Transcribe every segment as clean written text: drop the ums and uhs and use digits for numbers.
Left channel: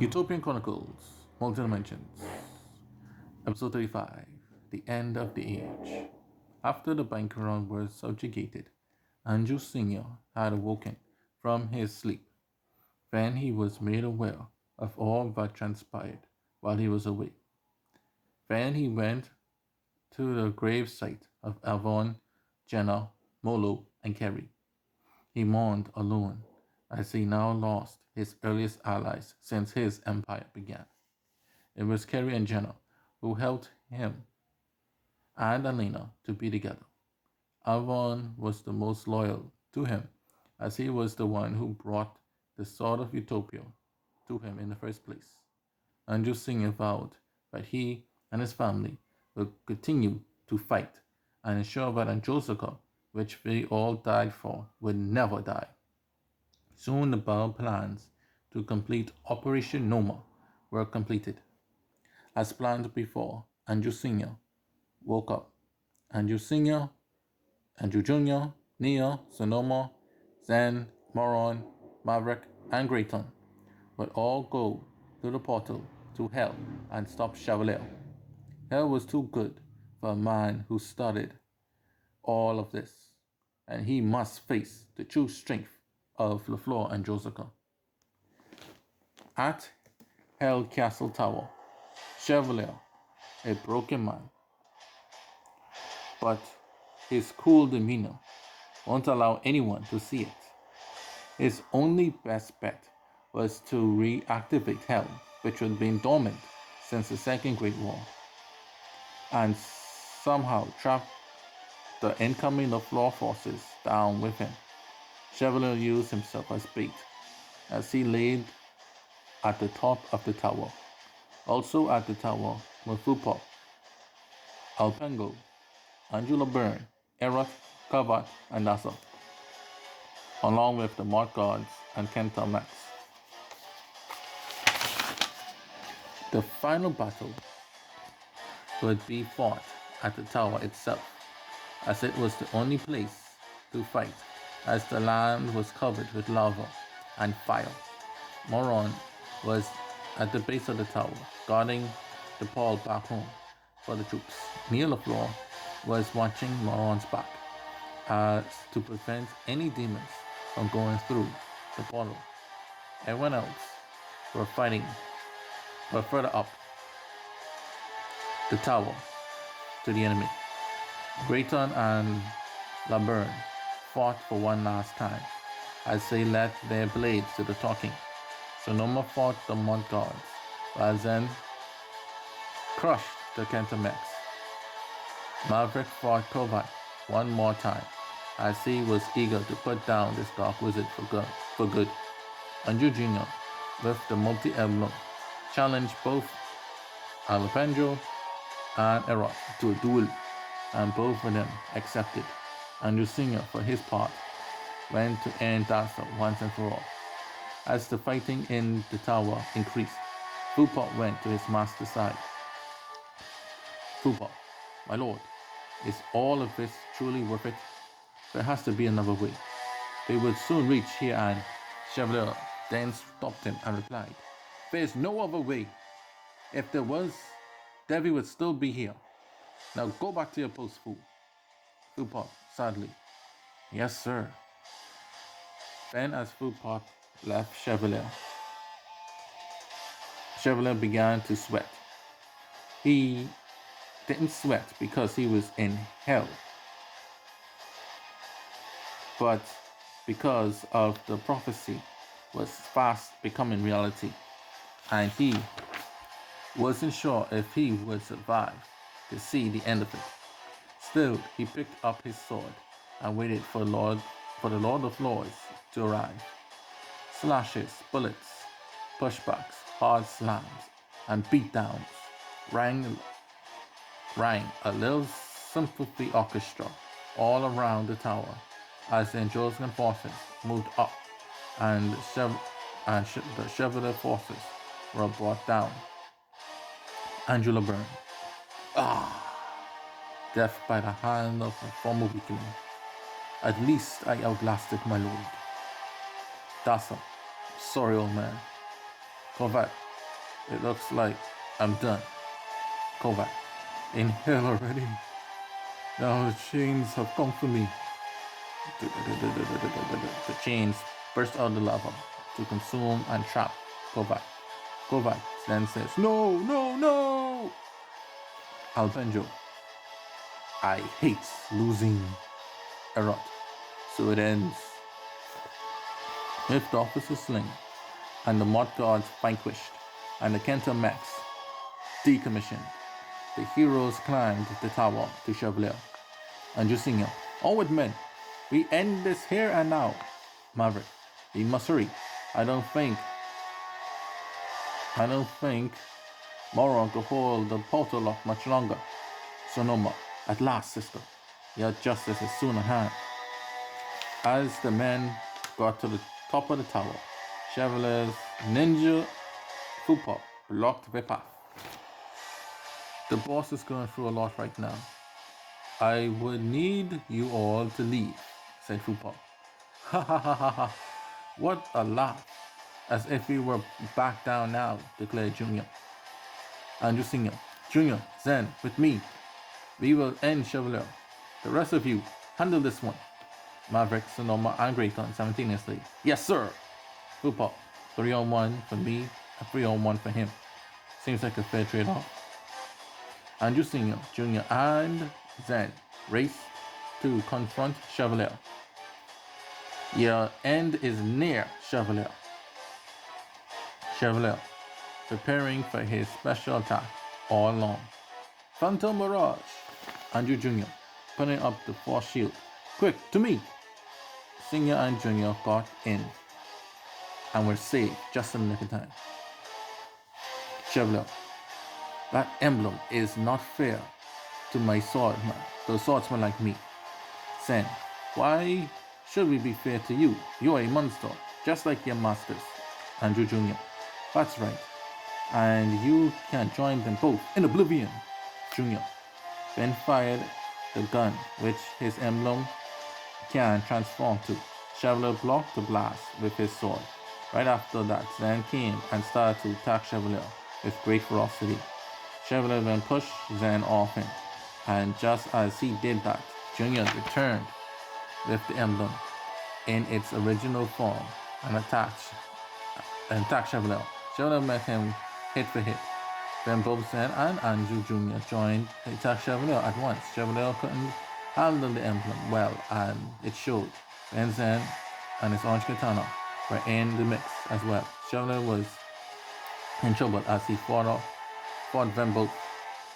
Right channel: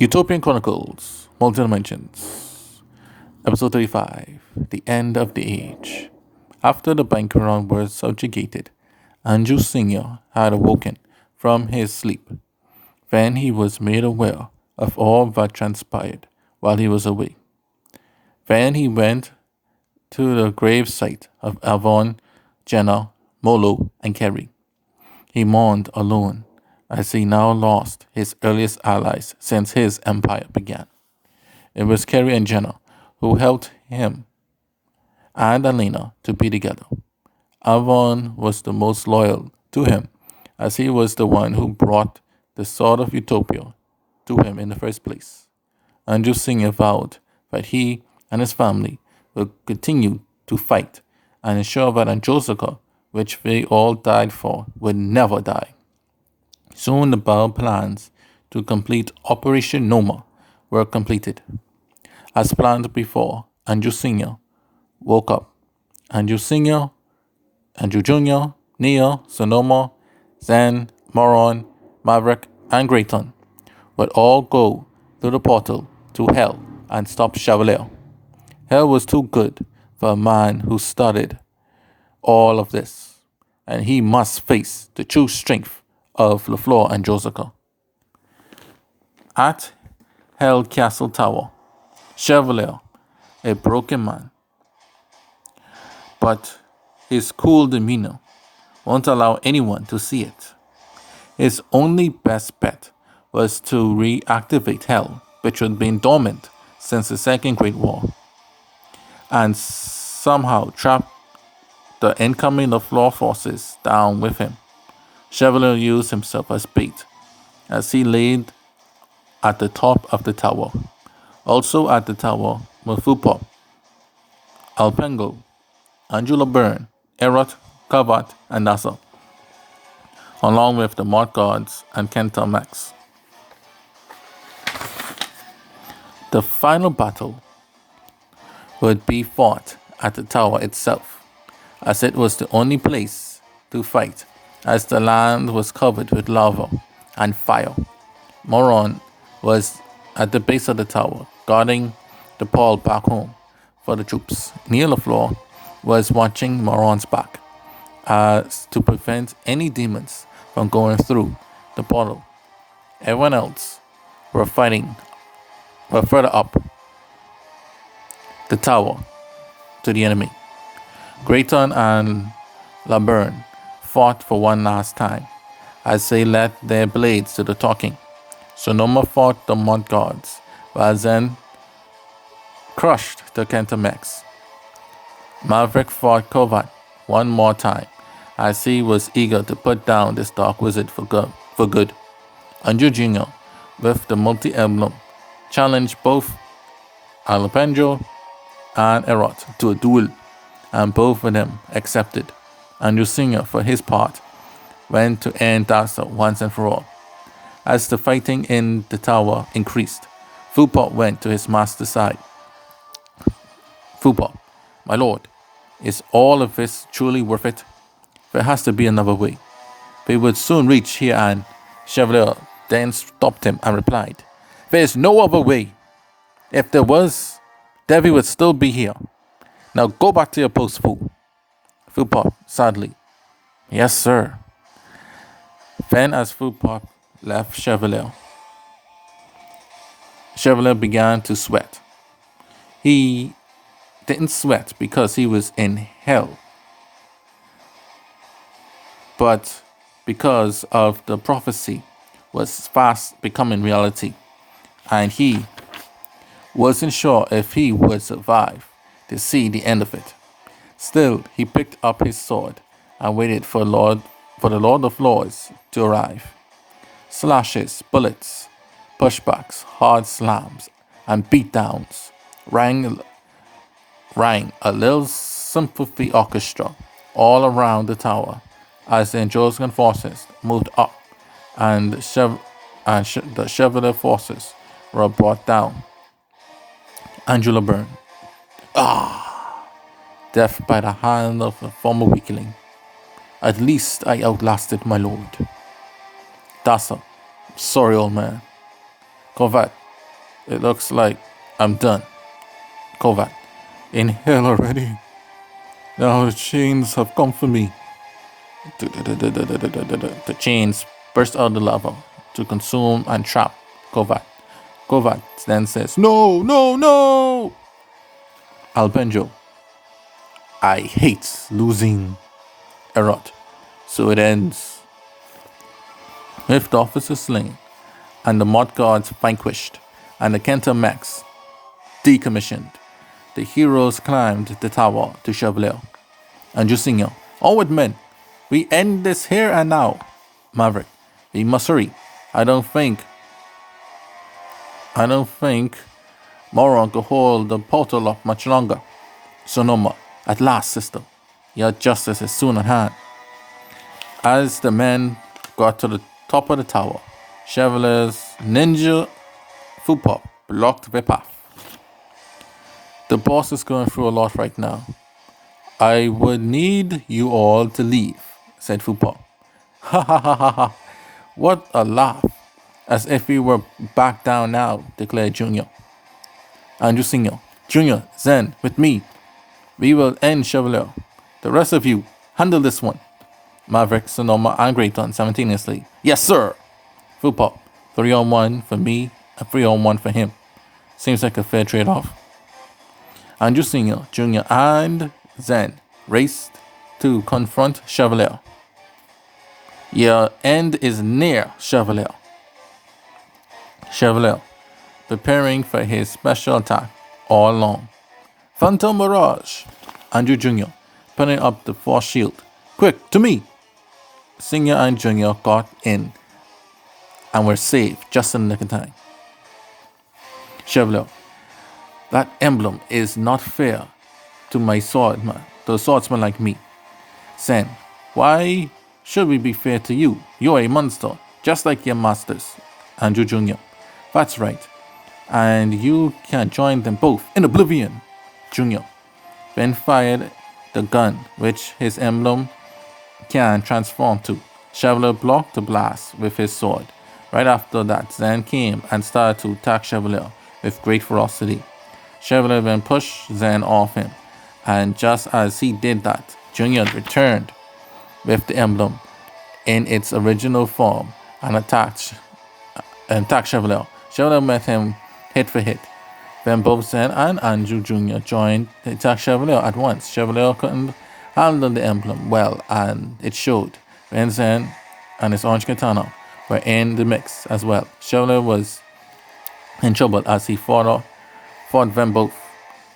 Utopian Chronicles, Multi-Dimensions, Episode 35, The End of the Age. After the Bankeron was subjugated, Andrew Sr. had awoken from his sleep. Then he was made aware of all that transpired while he was away. Then he went to the grave site of Avon, Jenna, Molo, and Kerry. He mourned alone as he now lost his earliest allies since his empire began. It was Kerry and Jenna who helped him and Elena to be together. Avon was the most loyal to him as he was the one who brought the sword of Utopia to him in the first place. Andrew Sr. vowed that he and his family would continue to fight and ensure that Anjosaka, which they all died for, would never die. Soon the bold plans to complete Operation Noma were completed. As planned before, Andrew Sr. woke up. Andrew Sr., Andrew Jr., Neo, Sonoma, Zen, Moron, Maverick, and Grayton would all go through the portal to Hell and stop Chevalier. Hell was too good for a man who started all of this, and he must face the true strength of LaFleur and Josica. At Hell Castle Tower, Chevalier, a broken man, but his cool demeanor won't allow anyone to see it. His only best bet was to reactivate Hell, which had been dormant since the Second Great War, and somehow trap the incoming LaFleur forces down with him. Chevalier used himself as bait as he laid at the top of the tower. Also at the tower were Fupop, Alpengo, Angela Byrne, Erot, Kavat, and Nasa, along with the Mort Guards and Kenta Max. The final battle would be fought at the tower itself, as it was the only place to fight, as the land was covered with lava and fire. Moron was at the base of the tower, guarding the pole back home for the troops. Neil LaFleur was watching Moron's back as to prevent any demons from going through the portal. Everyone else were further up the tower to the enemy. Grayton and LaBerne fought for one last time as they led their blades to the talking. Sonoma fought the Mont Guards, while Zen crushed the Kentamex. Maverick fought Kovat one more time as he was eager to put down this dark wizard for good. Andrew Jr., with the multi-emblem, challenged both Alpenjo and Erot to a duel, and both of them accepted. Andrew Sr., for his part, went to end Dasa once and for all. As the fighting in the tower increased, Fupop went to his master's side. Fupop, my lord, is all of this truly worth it? There has to be another way. They would soon reach here, and Chevalier then stopped him and replied, there is no other way. If there was, Devi would still be here. Now go back to your post, fool. Fupop, sadly. Yes, sir. Then as Fupop left Chevalier began to sweat. He didn't sweat because he was in hell, but because of the prophecy was fast becoming reality, and he wasn't sure if he would survive to see the end of it. Still, he picked up his sword and waited for the Lord of Lords to arrive. Slashes, bullets, pushbacks, hard slams, and beatdowns rang a little sympathy orchestra all around the tower as the Anjoskan forces moved up and the Chevalier forces were brought down. Angela Byrne. Death by the hand of a former weakling. At least I outlasted my lord. Dasa, sorry old man. Corvette, It looks like I'm done. Kovac, inhale already. Now the chains have come for me. The chains burst out the lava to consume and trap Kovac. Kovac then says, "No, no, no!" Alpenjo, "I hate losing." Erot. So it ends with the officers slain, and the mod gods vanquished, and the Kenta mechs decommissioned. The heroes climbed the tower to Chevalier. And Jusinho, onward men, we end this here and now. Maverick, we must hurry. I don't think Moron could hold the portal up much longer. Sonoma, at last, sister, your justice is soon at hand. As the men got to the top of the tower, Chevalier's ninja Fupop blocked their path. The boss is going through a lot right now. I would need you all to leave, said Fupop. Ha ha ha ha ha. What a laugh. As if we were back down now, declared Junior. Andrew Senior, Junior, Zen, with me. We will end Chevalier. The rest of you, handle this one. Maverick, Sonoma, and Grayton simultaneously. Yes, sir. Fupop, 3-on-1 for me and 3-on-1 for him. Seems like a fair trade-off. Andrew Senior, Junior, and Zen raced to confront Chevalier. Your end is near, Chevalier. Chevalier, preparing for his special attack all along. Phantom Mirage. Andrew Jr., putting up the force shield. Quick, to me. Senior and Junior got in and were saved just in the nick of time. Chevalier, that emblem is not fair to my swordsman, to a swordsman like me. Sen, why should we be fair to you? You're a monster, just like your masters. Andrew Jr., that's right. And you can join them both in oblivion. Junior then fired the gun, which his emblem can transform to. Chevalier blocked the blast with his sword. Right after that, Zen came and started to attack Chevalier with great ferocity. Chevalier then pushed Zen off him, and just as he did that, Junior returned with the emblem in its original form and attacked Chevalier. Chevalier met him hit for hit. Then both Zen and Andrew Jr. joined to attack Chevalier at once. Chevalier couldn't handle the emblem well, and it showed. Then Zen and his orange katana were in the mix as well. Chevalier was in trouble as he fought them both.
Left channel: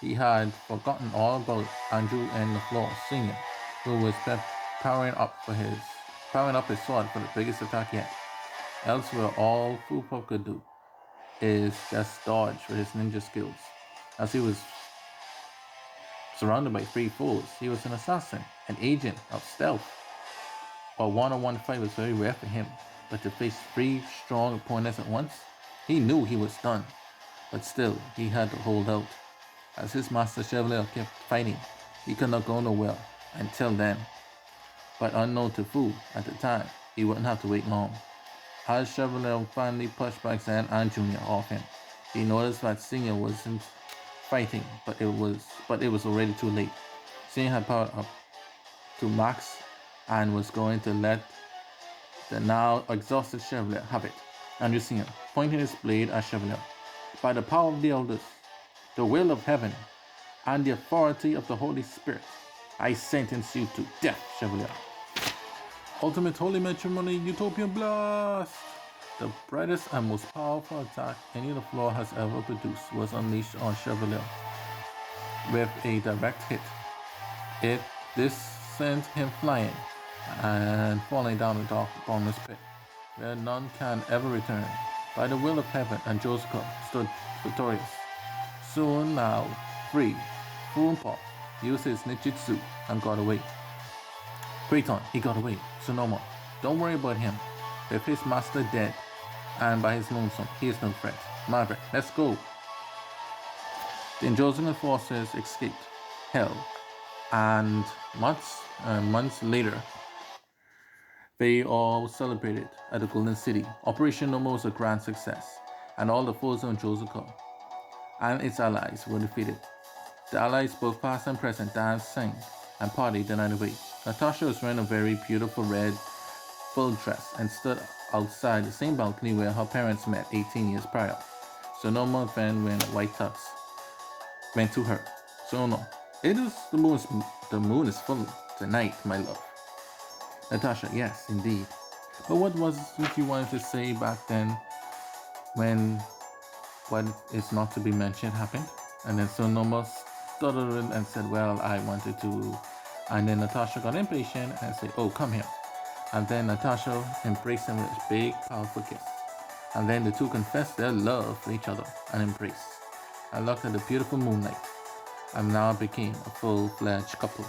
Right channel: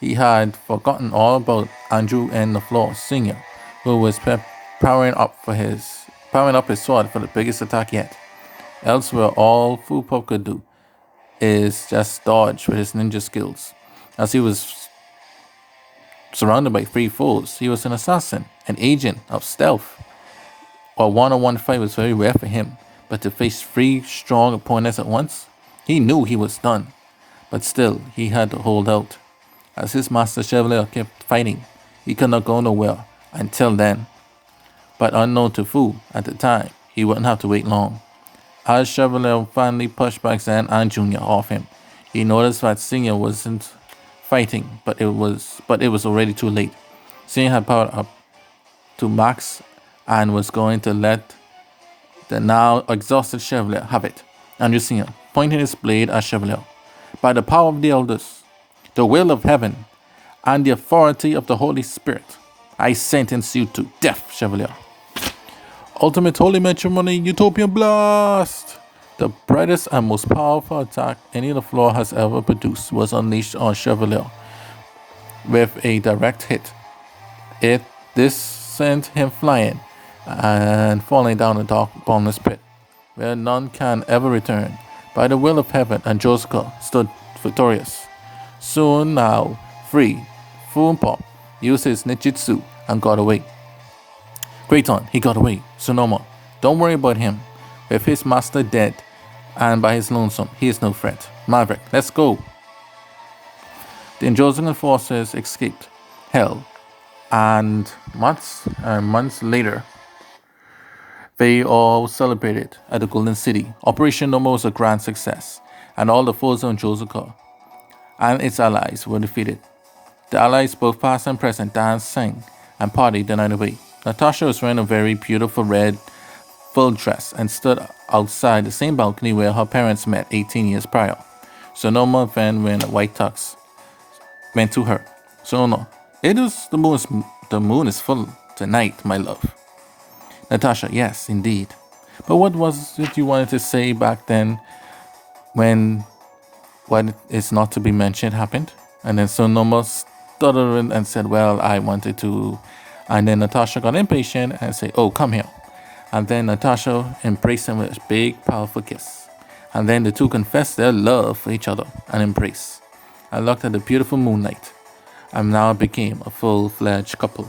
He had forgotten all about Andrew and the floor Senior, who was powering up his sword for the biggest attack yet. Elsewhere, all Fupop could do is just dodge with his ninja skills. As he was surrounded by 3 foes, he was an assassin, an agent of stealth. A one-on-one fight was very rare for him, but to face 3 strong opponents at once, he knew he was done. But still, he had to hold out. As his master Chevalier kept fighting, he could not go nowhere until then. But unknown to Fu at the time, he wouldn't have to wait long. As Chevalier finally pushed back Zen and Junior off him, he noticed that Senior wasn't fighting, but it was already too late. Senior had powered up to max and was going to let the now exhausted Chevalier have it. Andrew Senior, pointing his blade at Chevalier. By the power of the elders, the will of heaven, and the authority of the Holy Spirit, I sentence you to death, Chevalier. Ultimate Holy Matrimony Utopian Blast! The brightest and most powerful attack any of the floor has ever produced was unleashed on Chevalier with a direct hit. This sent him flying and falling down a dark, bottomless pit, where none can ever return. By the will of heaven, and Josica stood victorious. Soon now, free, Fupop used his ninjutsu and got away. Grayton, he got away. Sonoma, don't worry about him. With his master dead, and by his lonesome, he is no threat. Maverick, let's go. The Androsian forces escaped hell, and months later, they all celebrated at the Golden City. Operation Noma was a grand success. and all the foes of Josaka and its allies were defeated. The allies, both past and present, danced, sang, and partied the night away. Natasha was wearing a very beautiful red full dress and stood outside the same balcony where her parents met 18 years prior. Sonoma Van wearing a white tux went to her. Sono, it is the moon is full tonight, my love. Natasha, yes, indeed. But what was it you wanted to say back then when what is not to be mentioned happened? And then Sonoma stuttered and said, well, I wanted to. And then Natasha got impatient and said, oh, come here. And then Natasha embraced him with a big, powerful kiss. And then the two confessed their love for each other and embraced. I looked at the beautiful moonlight and now became a full-fledged couple.